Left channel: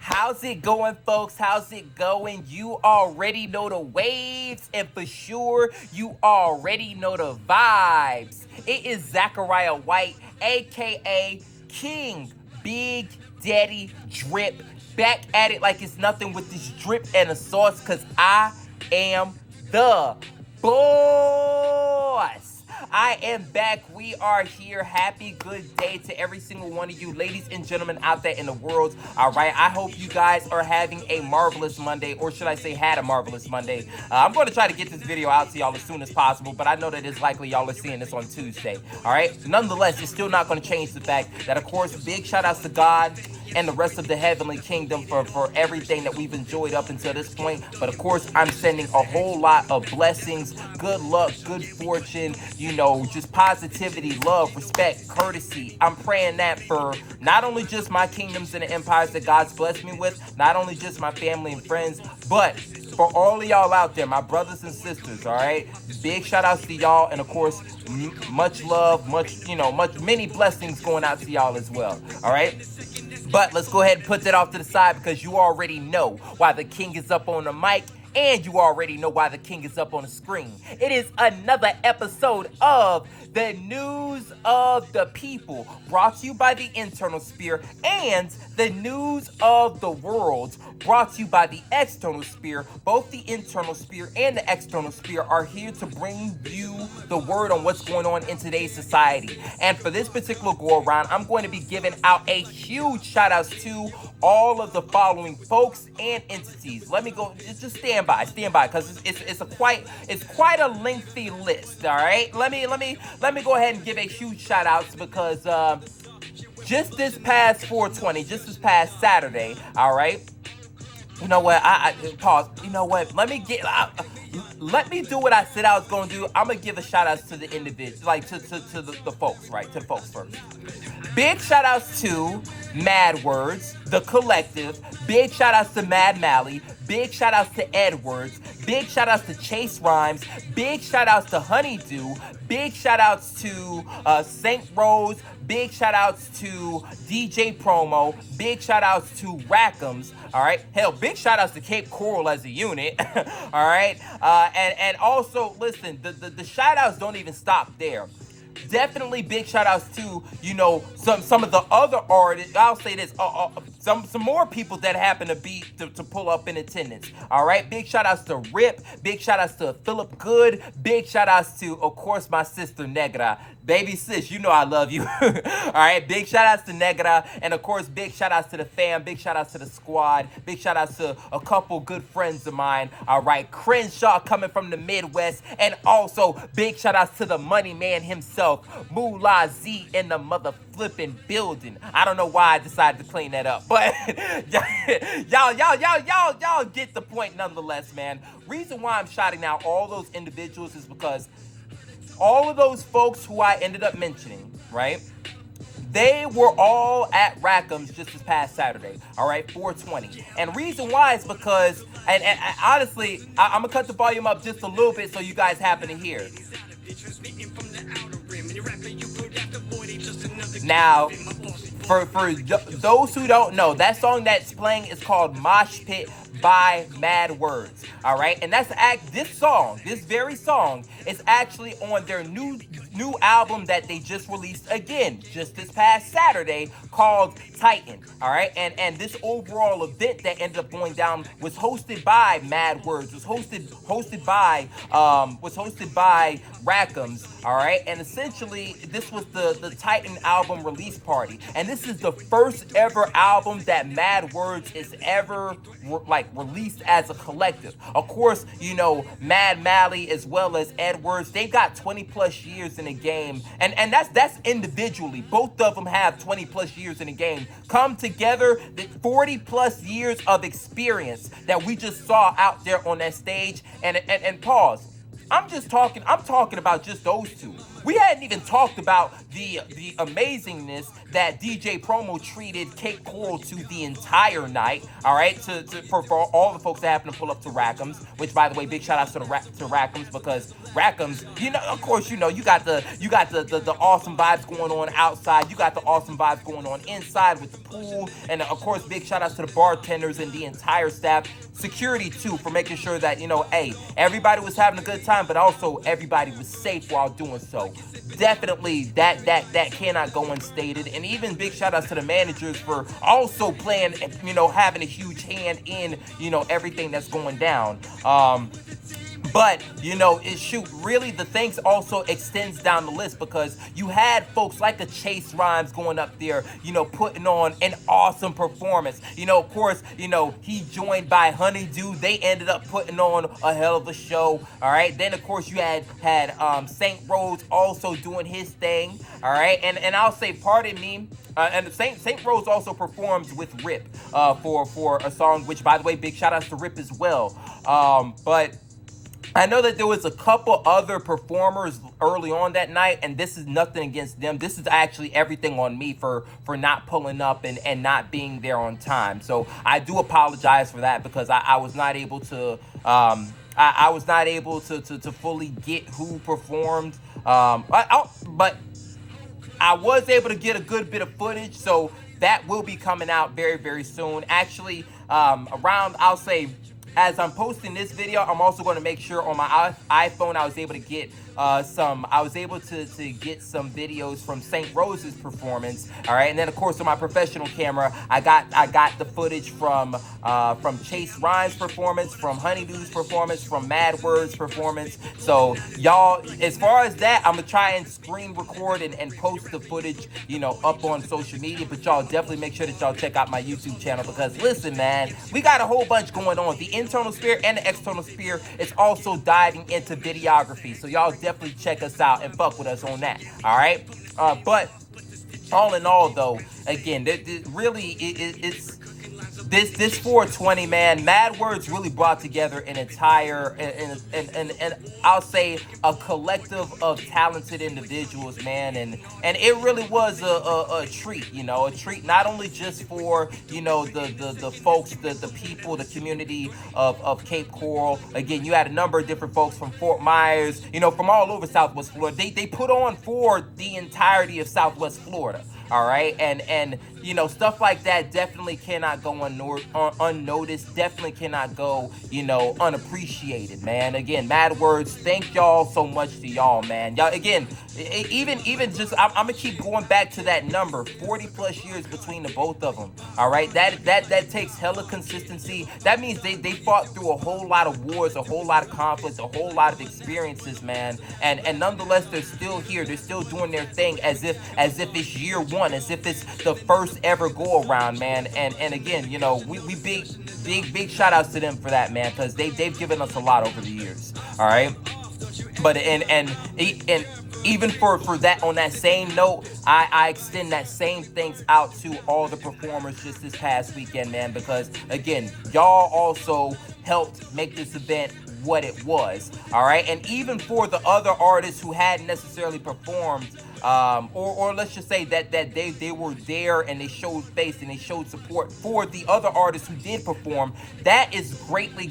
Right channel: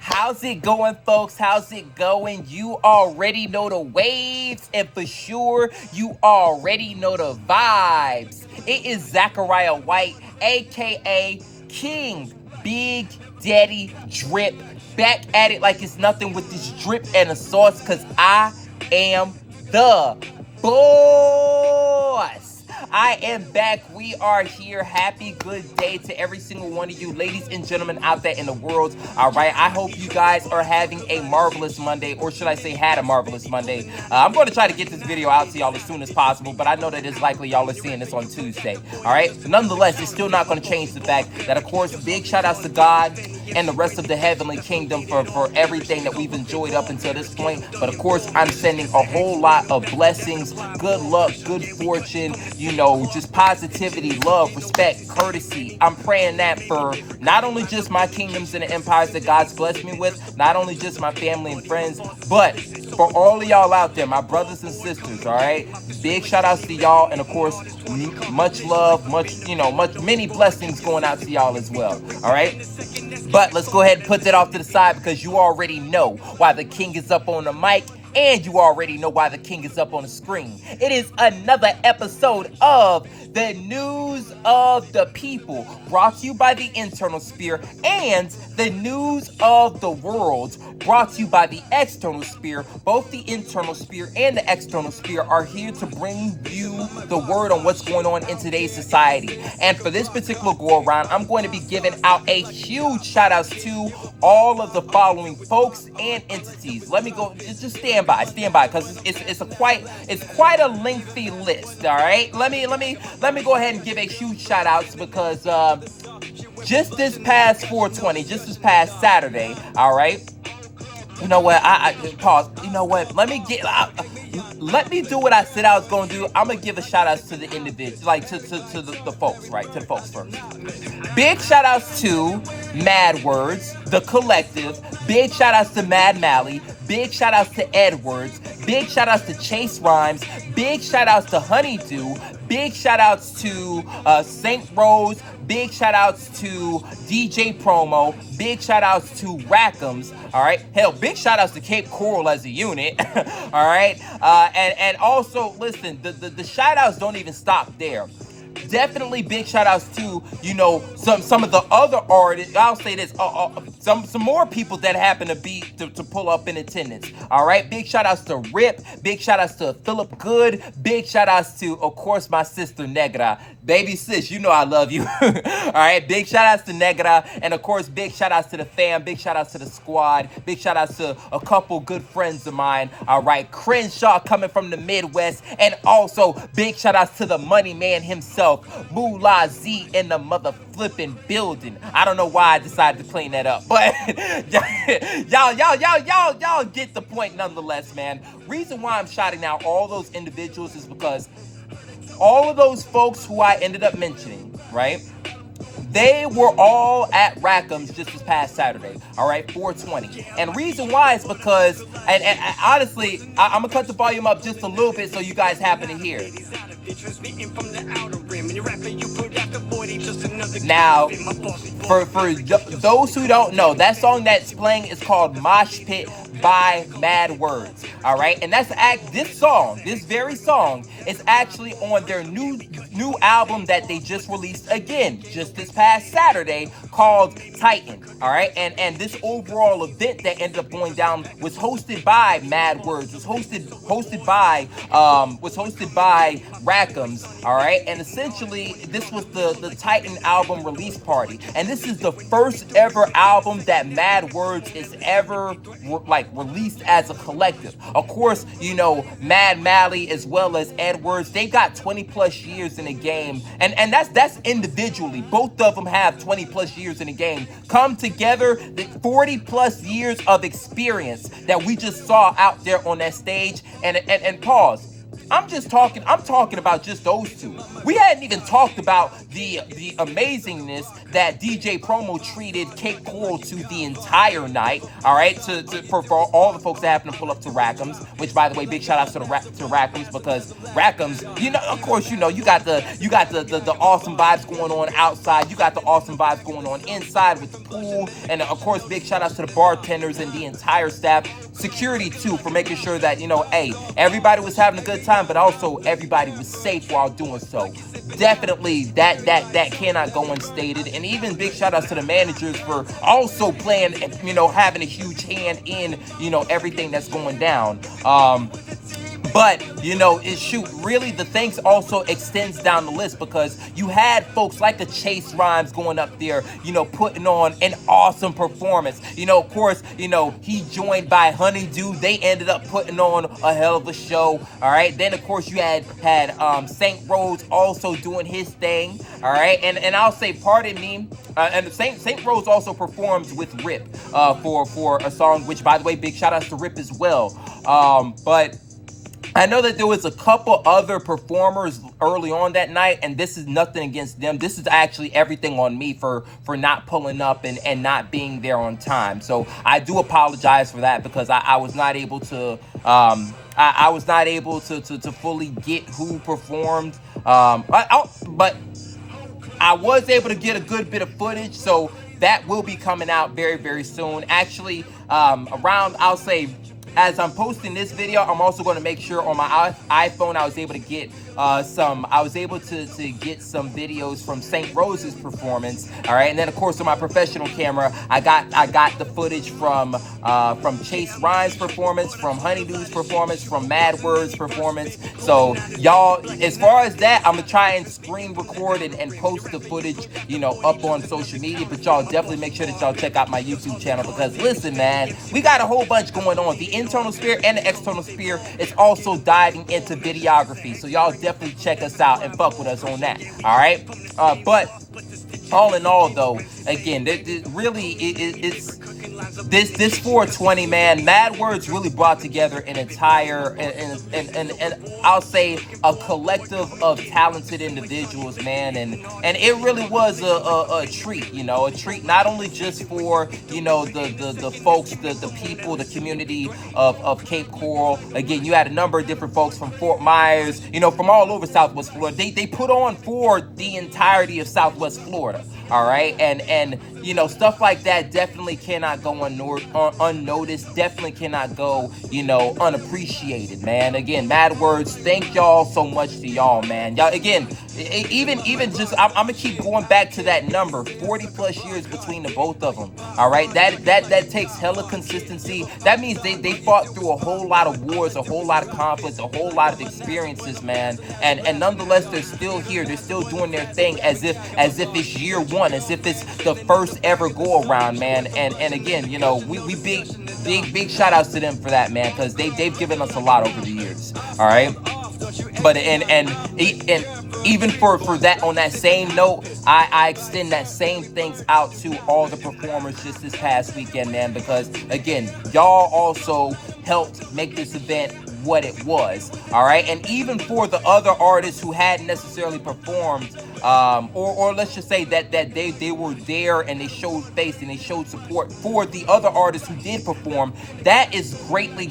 How's it going, folks? How's it going? You already know the waves, and for sure, you already know the vibes. It is Zachariah White, aka King Big Daddy Drip, back at it like it's nothing with this drip and a sauce, because I am the boss. I am back. We are here. Happy good day to every single one of you, ladies and gentlemen out there in the world. All right. I hope you guys are having a marvelous Monday, or should I say, had a marvelous Monday. I'm going to try to get this video out to y'all as soon as possible, but I know that it's likely y'all are seeing this on Tuesday. All right. Nonetheless, it's still not going to change the fact that, of course, big shout outs to God and the rest of the heavenly kingdom for everything that we've enjoyed up until this point. But of course, I'm sending a whole lot of blessings, good luck, good fortune, just positivity, love, respect, courtesy. I'm praying that for not only just my kingdoms and the empires that God's blessed me with, not only just my family and friends, but for all of y'all out there, my brothers and sisters, all right? Big shout outs to y'all, and of course, much love, many blessings going out to y'all as well, all right? But let's go ahead and put that off to the side, because you already know why the king is up on the mic, and you already know why the king is up on the screen. It is another episode of the News of the People, brought to you by the Internal Sphere, and the News of the World, brought to you by the External Sphere. Both the Internal Sphere and the External Sphere are here to bring you the word on what's going on in today's society. And for this particular go around, I'm going to be giving out a huge shout out to all of the following folks and entities. Let me go, just stand by, because it's quite a lengthy list. All right, let me go ahead and give a huge shout outs, because just this past 420, just this past Saturday, all right. You know what? I pause. You know what? Let me do what I said I was gonna do. I'm gonna give a shout outs to the individuals, like to the folks, right? To the folks first. Big shout outs to Mad Words, the collective. Big shout outs to Mad Mally. Big shout outs to Edwards. Big shout outs to Chase Rhymes. Big shout outs to Honeydew. Big shout outs to St. Rose. Big shout outs to DJ Promo. Big shout outs to Rackems. All right. Hell, big shout outs to Cape Coral as a unit. All right. And also, listen, the shout outs don't even stop there. Definitely big shout outs to, some of the other artists. I'll say this, some more people that happen to pull up in attendance. All right. Big shout outs to Rip. Big shout outs to Philip Good. Big shout outs to, of course, my sister Negra. Baby sis, you know I love you. All right, big shout outs to Negra, and of course, big shout outs to the fam, big shout outs to the squad, big shout outs to a couple good friends of mine. All right, Crenshaw coming from the Midwest, and also big shout outs to the money man himself, Moolah Z in the mother flipping building. I don't know why I decided to clean that up, but y'all get the point nonetheless, man. Reason why I'm shouting out all those individuals is because all of those folks who I ended up mentioning, right? They were all at Rackems just this past Saturday, all right, 420. And reason why is because, and honestly, I'm going to cut the volume up just a little bit so you guys happen to hear. Now, for those who don't know, that song that's playing is called Mosh Pit by Mad Words, all right? And this very song is actually on their new album that they just released again just this past Saturday, called T.I.T.A.N, all right? And this overall event that ended up going down was hosted by Mad Words, was hosted by Rackems, all right? And essentially, this was the T.I.T.A.N album release party, and this is the first ever album that Mad Words is ever released as a collective. Of course, Mad Mally as well as Edwards, they got 20 plus years in the game, and that's individually. Both of them have 20 plus years in the game. Come together, the 40 plus years of experience that we just saw out there on that stage. And pause. I'm talking about just those two. We hadn't even talked about the amazingness that DJ Promo treated Cape Coral to the entire night. All right, for all the folks that happen to pull up to Rackems, which by the way, big shout outs to to Rackems, because Rackems, of course, you got the awesome vibes going on outside. You got the awesome vibes going on inside with the pool, and of course, big shout outs to the bartenders and the entire staff, security too, for making sure that hey, everybody was having a good time, but also everybody was safe while doing so. Definitely that cannot go unstated. And even big shout outs to the managers for also playing, having a huge hand in, everything that's going down. But, really the things also extends down the list, because you had folks like a Chase Rhymes going up there, putting on an awesome performance. Of course, he joined by Honeydew. They ended up putting on a hell of a show. All right. Then, of course, you had St. Rose also doing his thing. All right. And I'll say, pardon me, and St. Rose also performs with Rip for a song, which, by the way, big shout outs to Rip as well. But I know that there was a couple other performers early on that night, and this is nothing against them. This is actually everything on me for not pulling up and not being there on time. So I do apologize for that, because I was not able to I was not able to fully get who performed. But I was able to get a good bit of footage, so that will be coming out very, very soon. Actually, around, I'll say, as I'm posting this video, I'm also going to make sure on my iPhone I was able to get to get some videos from St. Rose's performance. All right, and then of course on my professional camera, I got the footage from Chase Ryan's performance, from Honeydew's performance, from Mad Word's performance. So y'all, as far as that, I'm gonna try and screen record and post the footage, up on social media. But y'all definitely make sure that y'all check out my YouTube channel, because listen, man, we got a whole bunch going on. The internal sphere and the external sphere is also diving into videography. So y'all definitely check us out and fuck with us on that. All right. But all in all, though, again, it's this 420, man. Mad Words really brought together an entire and I'll say a collective of talented individuals, man, and it really was a treat, a treat not only just for the folks, the people, the community of Cape Coral. Again, you had a number of different folks from Fort Myers, from all over Southwest Florida. They put on for the entirety of Southwest Florida. All right, and stuff like that definitely cannot go unnoticed. Definitely cannot go unappreciated, man. Again, Mad Words, thank y'all so much to y'all, man. Y'all, again, even just I'm gonna keep going back to that number, 40 plus years between the both of them. All right, that takes hella consistency. That means they fought through a whole lot of wars, a whole lot of conflicts, a whole lot of experiences, man. And nonetheless, they're still here. They're still doing their thing as if it's year one, as if it's the first ever go around, man. And again, we big shout outs to them for that, man, because they've given us a lot over the years. All right. But and even for that, on that same note, I extend that same thanks out to all the performers just this past weekend, man, because again, y'all also helped make this event what it was. All right. And even for the other artists who hadn't necessarily performed, or let's just say that they were there and they showed face and they showed support for the other artists who did perform, that is greatly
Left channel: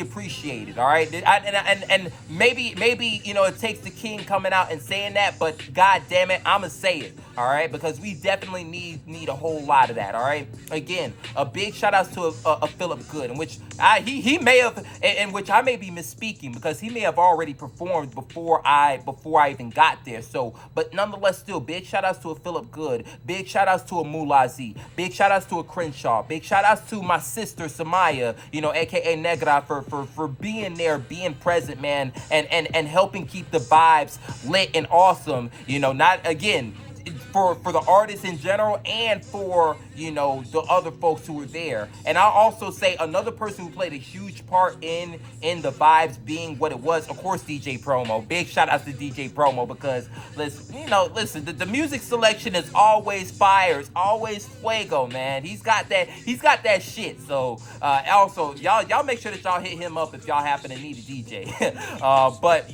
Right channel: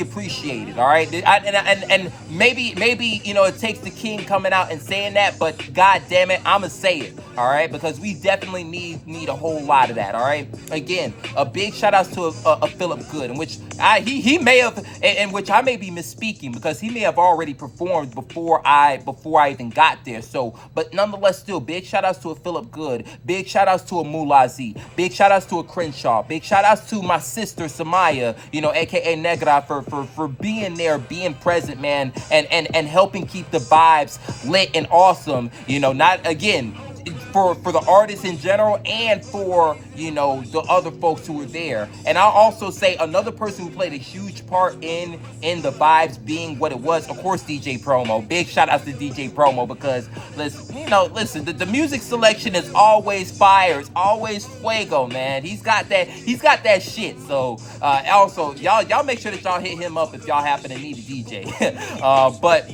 appreciated. All right. And maybe it takes the king coming out and saying that, but god damn it, I'ma say it. All right, because we definitely need a whole lot of that. All right. Again, a big shout out to a Philip Good, in which he may have, in which I may be misspeaking, because he may have already performed before I even got there. So, but nonetheless, still big shout outs to a Philip Good, big shout outs to a Mulazi, big shout outs to a Crenshaw, big shout outs to my sister Samaya, aka Negra, for being there, being present, man, and helping keep the vibes lit and awesome. Not again, for the artists in general, and for the other folks who were there. And I'll also say another person who played a huge part in the vibes being what it was, of course, DJ Promo. Big shout out to DJ Promo, because listen, the music selection is always fire, it's always fuego, man. He's got that shit. So also y'all make sure that y'all hit him up if y'all happen to need a DJ. DJ. But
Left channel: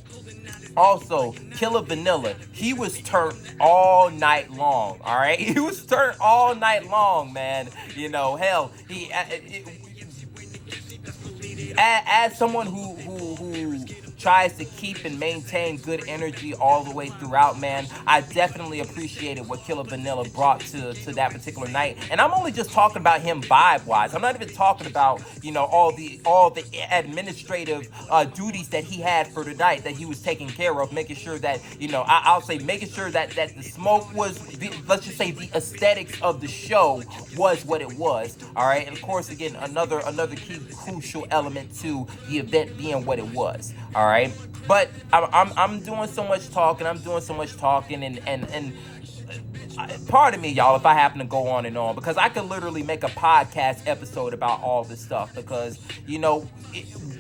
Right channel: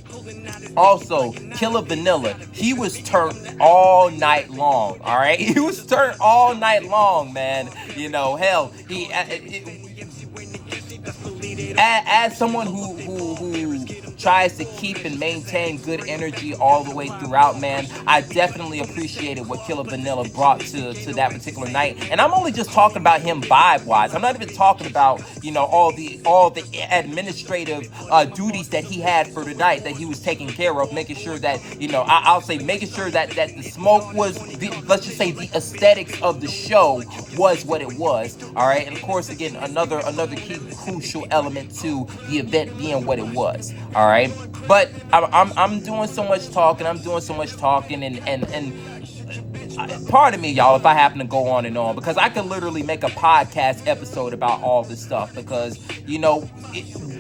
also, Killer Vanilla, he was turned all night long, all right? He was turned all night long, man. You know, hell, as someone who tries to keep and maintain good energy all the way throughout, man, I definitely appreciated what Killer Vanilla brought to that particular night. And I'm only just talking about him vibe wise. I'm not even talking about, you know, all the administrative duties that he had for the night that he was taking care of, making sure that, you know, I'll say making sure that the smoke was let's just say the aesthetics of the show was what it was. All right. And of course, again, another key crucial element to the event being what it was. All right. But I'm doing so much talking. I'm doing so much talking, and pardon me, y'all, if I happen to go on and on, because I could literally make a podcast episode about all this stuff, because, you know,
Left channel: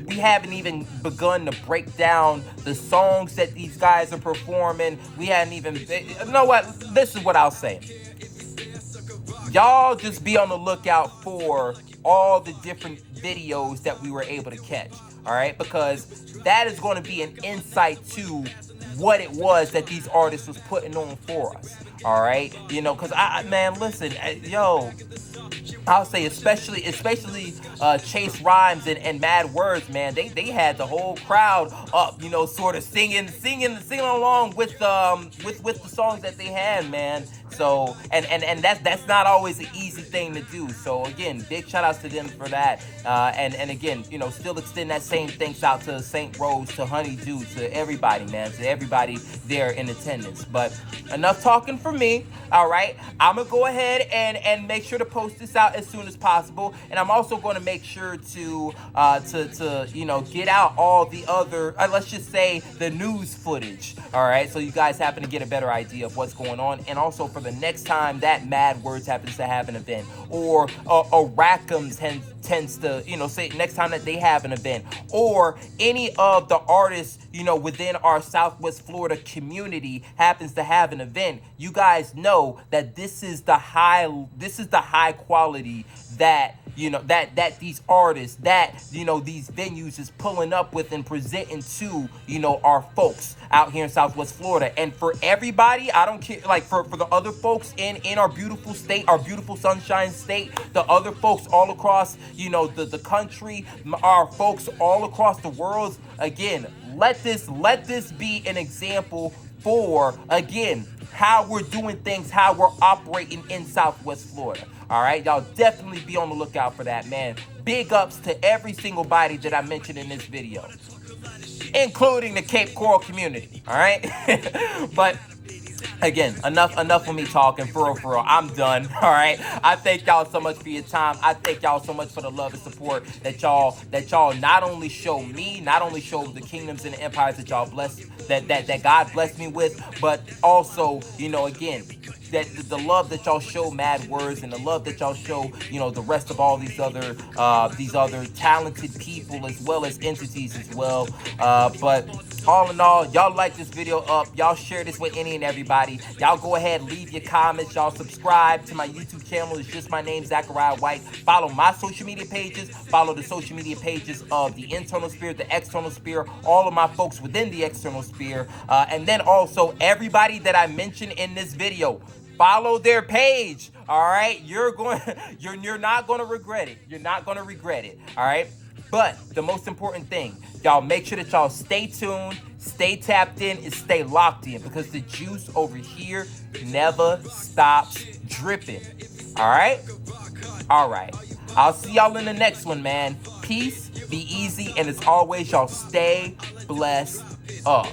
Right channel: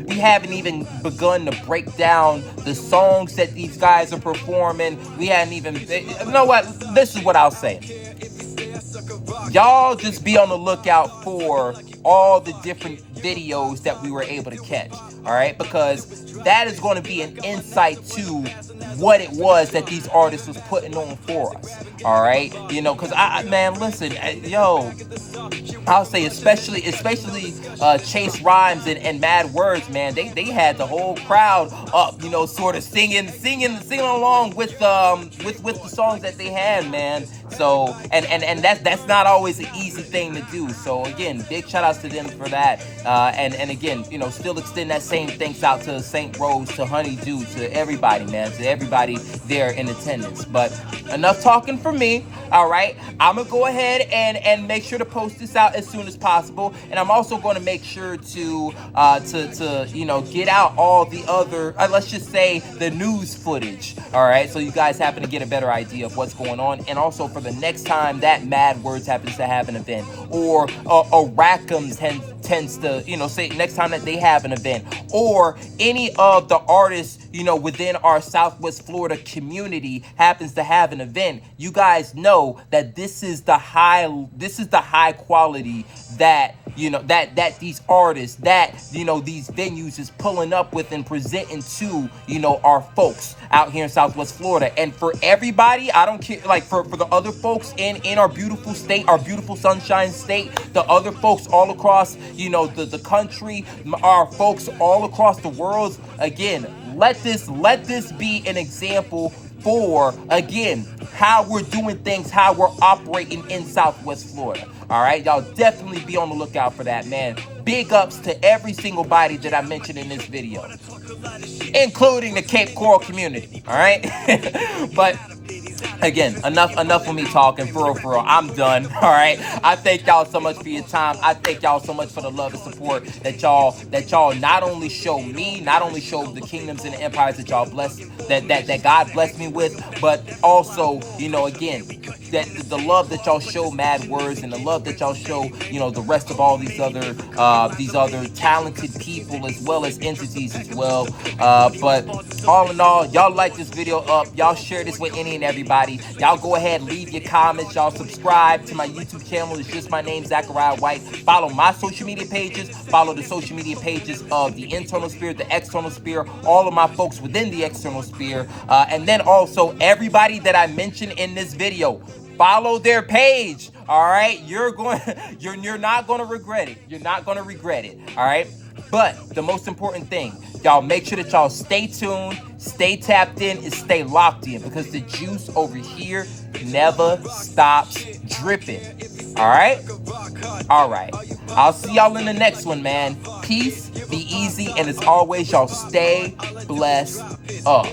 we haven't even begun to break down the songs that these guys are performing. We hadn't even, you know what, this is what I'll say. Y'all just be on the lookout for all the different videos that we were able to catch, all right? Because that is going to be an insight to what it was that these artists was putting on for us, all right? You know, because man, listen, yo, I'll say especially Chase Rhymes and Mad Words, man. They had the whole crowd up, you know, sort of singing along with the songs that they had, man. So and that's not always an easy thing to do. So again, big shout outs to them for that. And again, you know, still extend that same thanks out to St. Rose, to Honeydew, to everybody, man, to everybody there in attendance. But enough talking for me. All right, I'm gonna go ahead and make sure to post this out as soon as possible, and I'm also going to make sure to you know, get out all the other let's just say the news footage. All right, so you guys happen to get a better idea of what's going on, and also for the next time that Mad Words happens to have an event, or Rackems tends to, you know, say next time that they have an event, or any of the artists, you know, within our Southwest Florida community happens to have an event, you guys know that this is the high quality that, you know, that these artists, that, you know, these venues is pulling up with and presenting to, you know, our folks out here in Southwest Florida. And for everybody, I don't care, like for the other folks in our beautiful state, our beautiful sunshine state, the other folks all across, you know, the country, our folks all across the world, again, let this be an example for, again, how we're doing things, how we're operating in Southwest Florida. All right, y'all definitely be on the lookout for that, man. Big ups to every single body that I mentioned in this video, including the Cape Coral community. All right, but again, enough of me talking. For real, I'm done. All right, I thank y'all so much for your time. I thank y'all so much for the love and support that y'all not only show me, not only show the kingdoms and the empires that y'all bless, that God blessed me with, but also, you know, again, that the love that y'all show Mad Words, and the love that y'all show, you know, the rest of all these other talented people as well as entities as well. But all in all, y'all like this video up, y'all share this with any and everybody. Y'all go ahead, leave your comments, y'all subscribe to my YouTube channel. It's just my name, Zachariah White. Follow my social media pages, follow the social media pages of the internal sphere, the external sphere, all of my folks within the external sphere, and then also everybody that I mentioned in this video. Follow their page, all right? You're not going to regret it. You're not going to regret it, all right? But the most important thing, y'all make sure that y'all stay tuned, stay tapped in, and stay locked in, because the juice over here never stops dripping, all right? All right. I'll see y'all in the next one, man. Peace, be easy, and as always, y'all stay blessed up.